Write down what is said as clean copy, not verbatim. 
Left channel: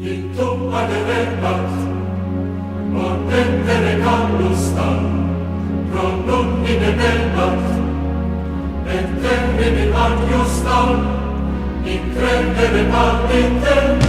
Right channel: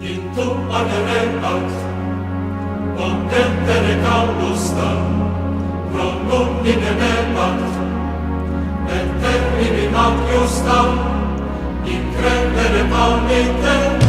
Intu agerebat, montentere callustan, pro nummine nebat, et termini magiustam, in crendere palmite,